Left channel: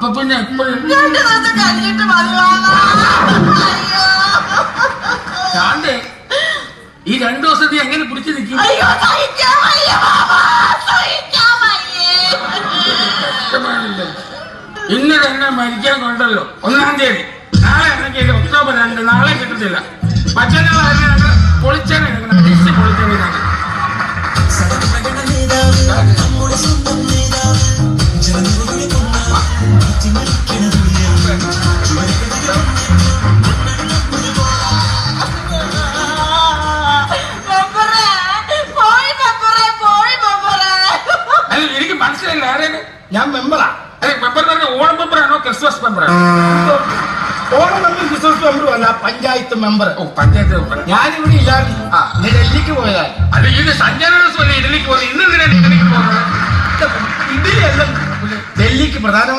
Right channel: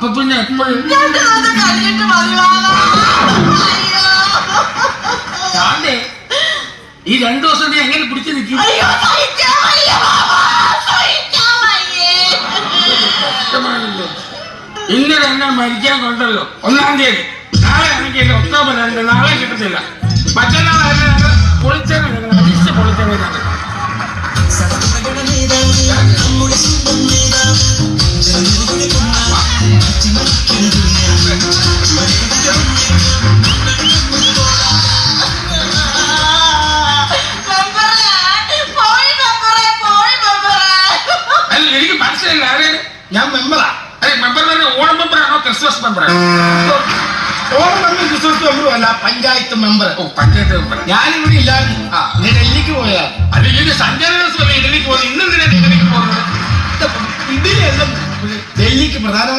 അപ്പൊ പിന്നെ എപ്പോഴും ശാന്തേ ഈ 2 ദിവസം നീ എങ്ങനെ പിടിച്ചു നിൽക്കും? ഇന്ന് തന്നെ മരിക്കാൻ കൊണ്ടല്ലോ 1-ാം തീയതി. നാളെ ആണെങ്കിൽ ഒക്ടോബർ 2, നാളെ കിട്ടത്തില്ല. മറ്റന്നാളാണ് ഞങ്ങൾ പൊളിച്ചേനെ അടിച്ച് പൊളിച്ചേനെ. എനിക്ക് മനസ്സിലായില്ല. ഞാൻ മെമ്പറാ. മെമ്പർ ഓണം മെമ്പറാണോ ക്രിസ്മസ് മെമ്പറാണോ? ഓണം മെമ്പർ ക്രിസ്മസ് മെമ്പറും അല്ല, പഞ്ചായത്ത് മെമ്പർ. പഞ്ചായത്ത് മെമ്പർ. ഞാനിവിടെ ഇല്ലാതെ നീ ഡൽഹിക്ക് പോയാ അത് ഇത് സഞ്ചാര ദിവസമല്ലേ ഡൽഹിക്ക് പോകുന്നത്? ഇന്ന് ഡൽഹിക്ക് പോകണം. ഇതിലെല്ലാം ഡൽഹിക്ക് പ്രധാനമന്ത്രി